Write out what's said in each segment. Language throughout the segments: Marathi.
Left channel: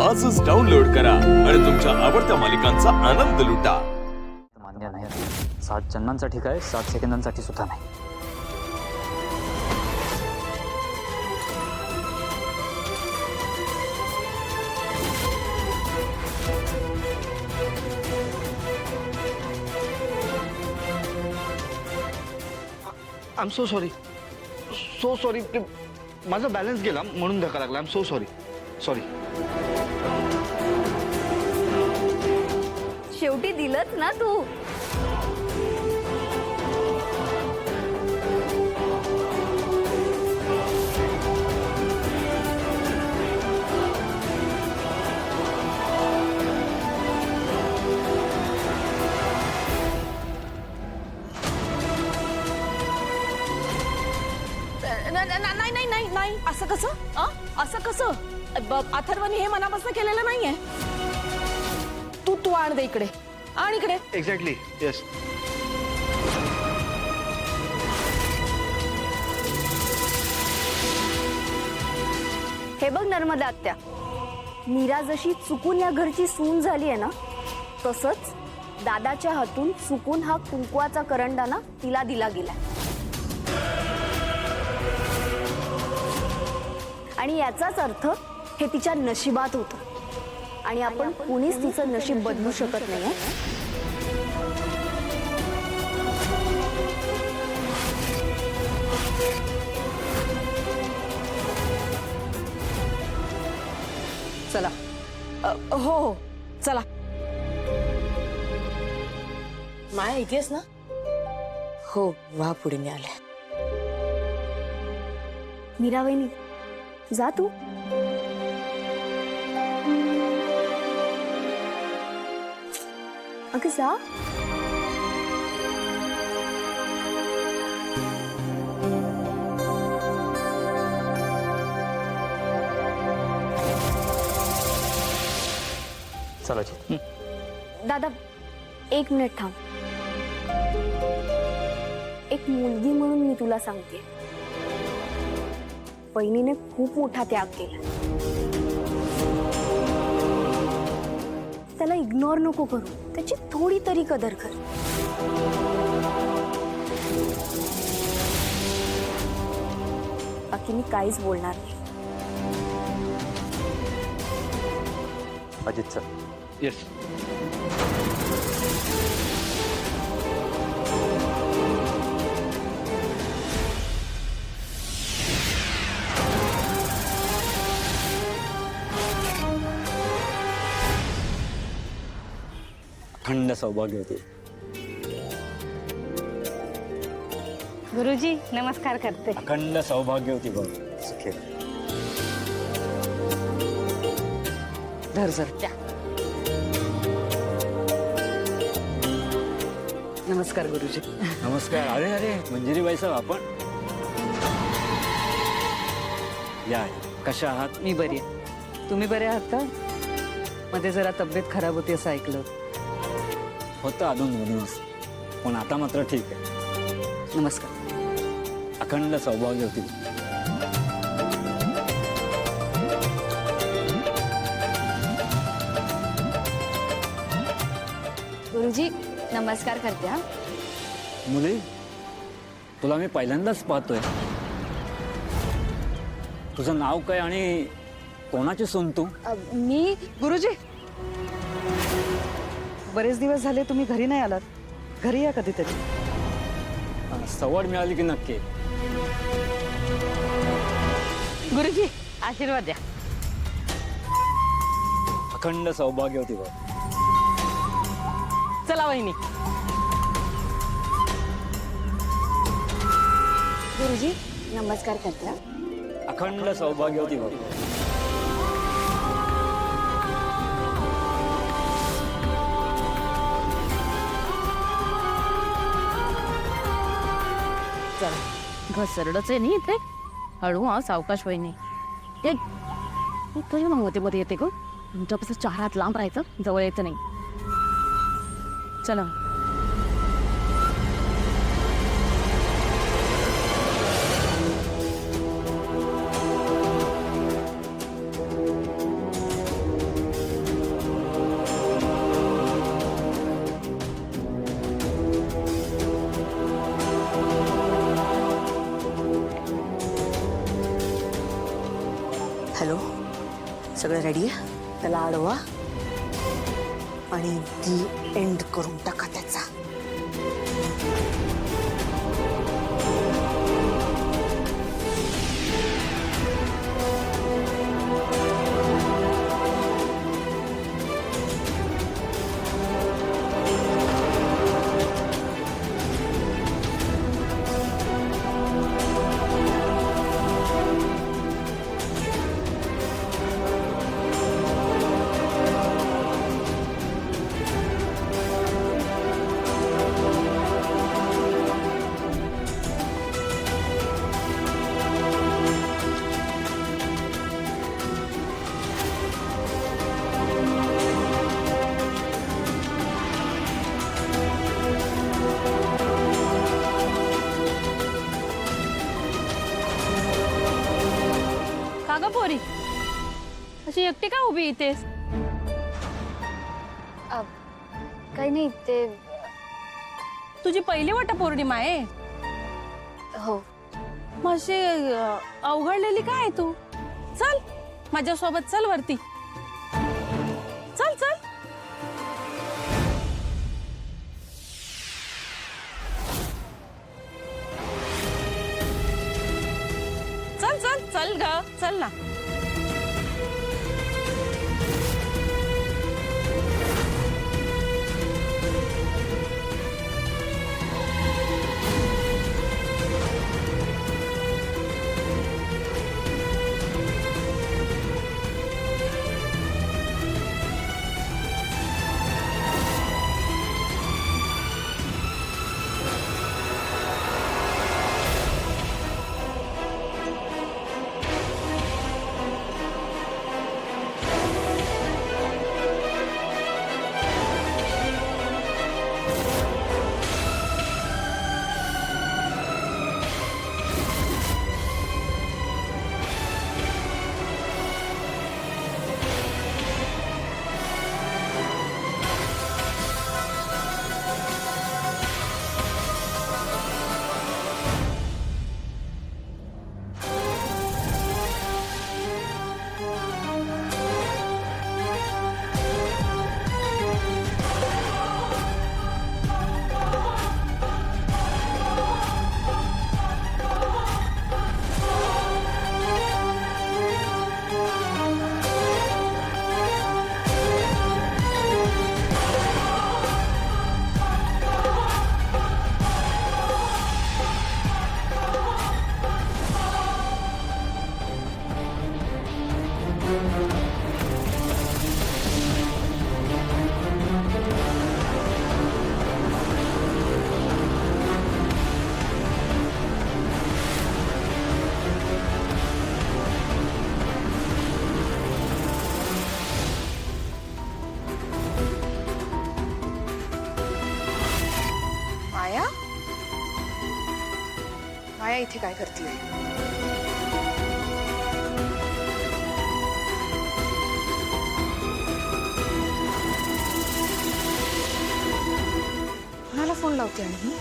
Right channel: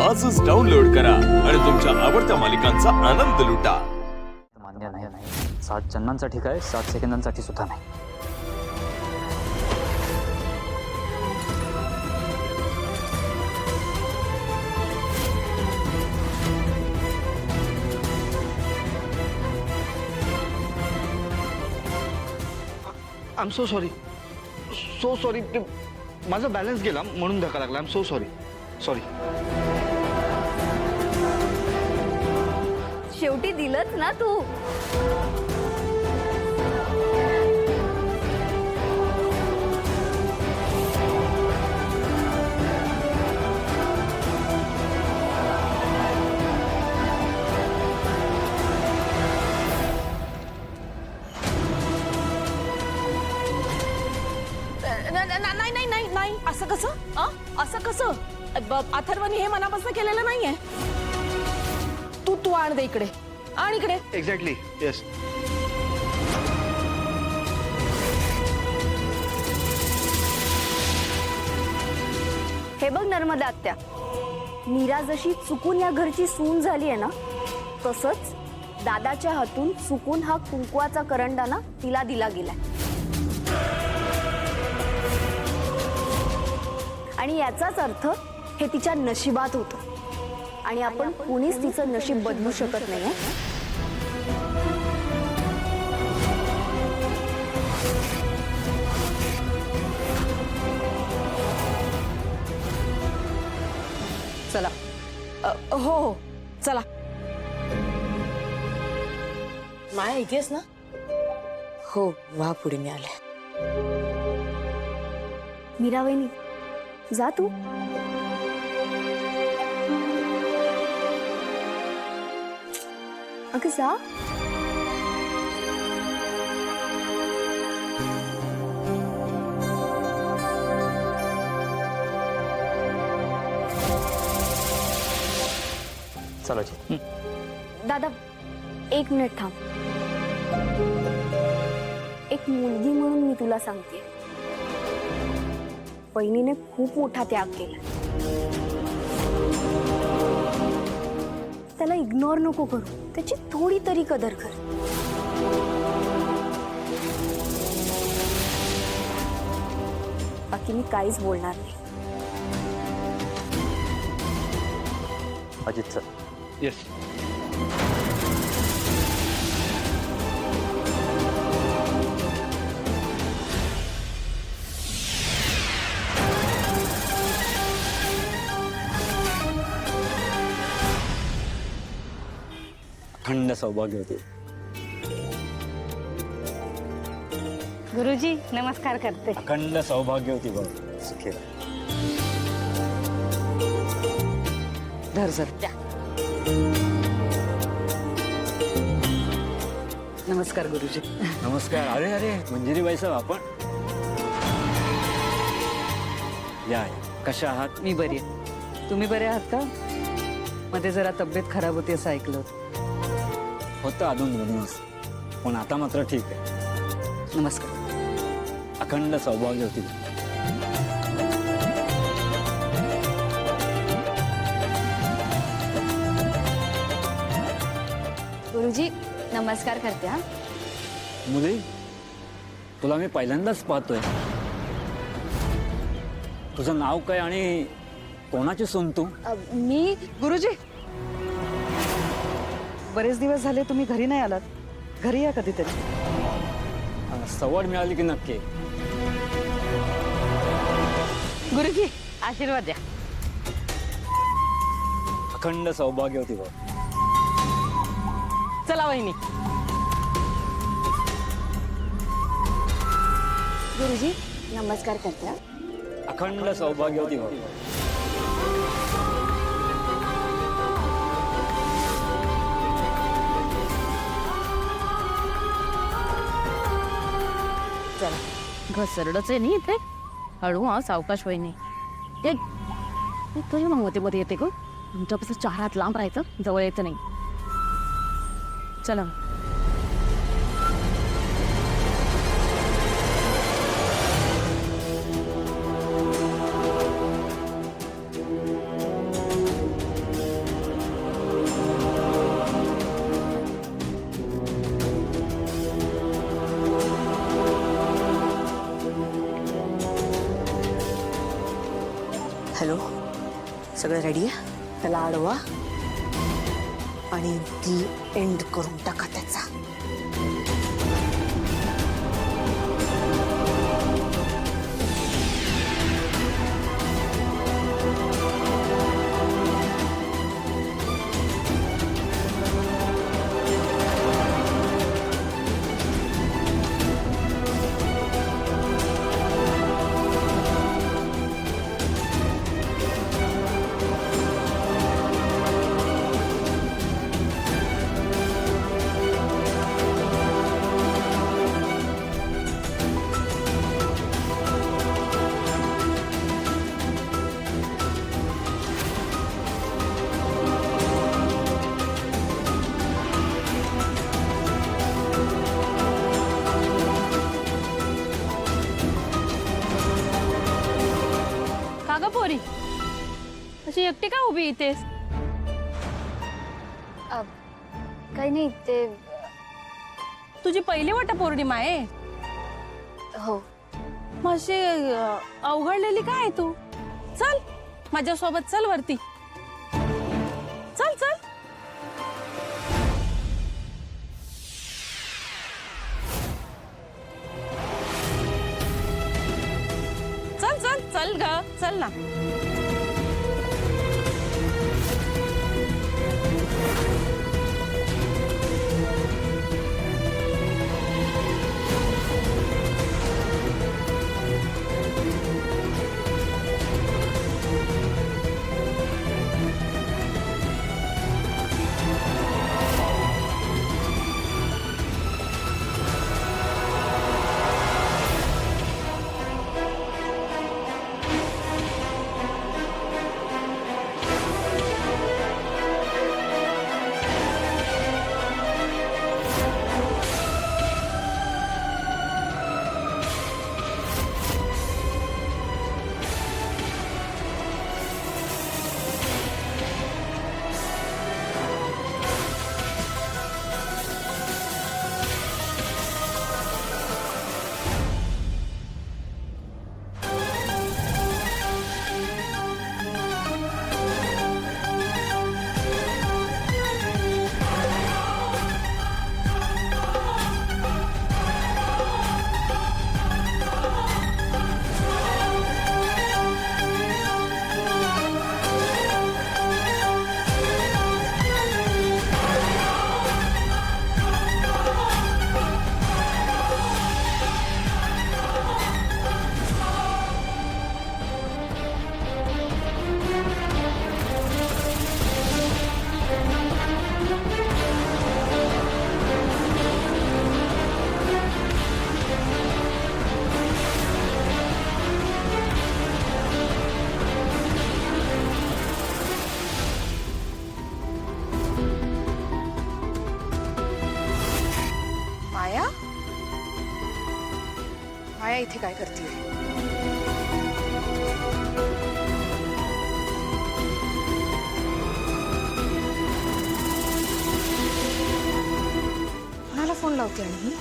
आजच डाउनलोड करा आणि तुमच्या आवडत्या मालिकांचा आनंद लुटा। मान्य नाही, 60 जन्मांसाठी काय 60 सेकंदांसाठी सुद्धा नाही। आय एम सो सॉरी माझा बॅलन्स गेला म्हणून धक्का लागला। I am so sorry. शेवटी दिलंच ना तू। नाही असं कसं? असं कसं? अथर्वने हे मनापासून केलेलं नाहीये। तू आण दे इकडे, आण इकडे। Exactly, yes. हे बघ नर्मदा आत्या, मीरा जशी चुकून या घरची सून झाली आहे ना, तसंच दादाच्या हातून चुकून हा कुंकवाचा करंडा ना तिला दिला गेलाय। आणि याचाच अर्थ हे तिच्या नशिबात होतं आणि आपण कुणीच तिचं नशीब बदलू शकत नाही। चला, हो चला। माया इथेच ना? हो, वा पुढे मी आले। मीरा वहिनी, जा तू। अगं जा। चला जी। दादा, 1 मिनिट थांब। एक मुलगी म्हणून मी तुला सांगते, वहिनीने खूप मोठा त्याग केला। त्याला इग्नोर नको करू, त्याची थोडी तरी कदर कर। बाकी मी काहीच बोलणार नाही। Ajit sir, yes. अखंड सौभाग्य होते। गुरुजी नमस्कार करते। अखंड सौभाग्य होती बघ, सुखी धर सर। नमस्कार गुरुजी। नमस्कार। अरे अरे मंजिरीबाई साहेब, आपण या। कशा आहात? मी बरी आहे। तुम्ही बरे आहात का? मध्ये जरा तब्येत खराब होती असं ऐकलं होतं अधूनमधूनच, पण आता मात्र ठीक आहे। नमस्कार। अखंड सौभाग्य होती। गुरुजी नमस्कार करते। हा मुली, तुला मी पहिल्यांदाच पाहतोय। तुझं नाव काय आणि कोणाची सून तू? मी गुरुजी, बरेच दिवस झाले तुम्ही घरी नाही आलात। घरी या कधीतरी। सवड मिळाली की नक्की। गुरुजी आशीर्वाद द्या। अखंड सौभाग्य होती बघ। चला वहिनी। गुरुजी नमस्कार करते। हा अखंड सौभाग्य होती बघ। चला, घसरडच आहे नाही इथे। हळू हा, सावकाश वहिनी। ते तुझी मग मध्ये येते ग, तुमच्यापासून 4 हात लांब राहायचं, जवळ यायचं नाही। चला। सगळं रेडी आहे, त्याला अडवा आणि दी एंड करून टाका त्याचा. का ग पोरी, अशी एकटी का उभी इथे? काही नाही ते. तुझी पहिली वटपौर्णिमा आहे. हो. माझी अवघडलेली काय आहे तू? चल माझ्यासोबत, चल वरती, चल चल. चल चल चल ग, चल ना. माया, माया इथे काय करतीये? कोणाला फोन लावते आणि ही?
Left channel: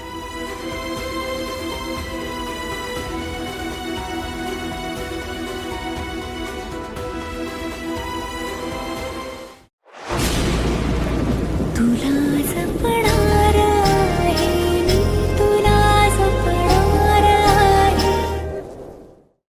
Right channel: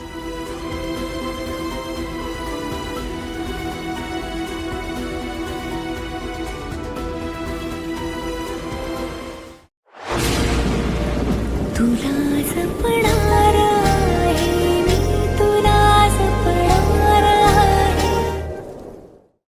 तुला जपणा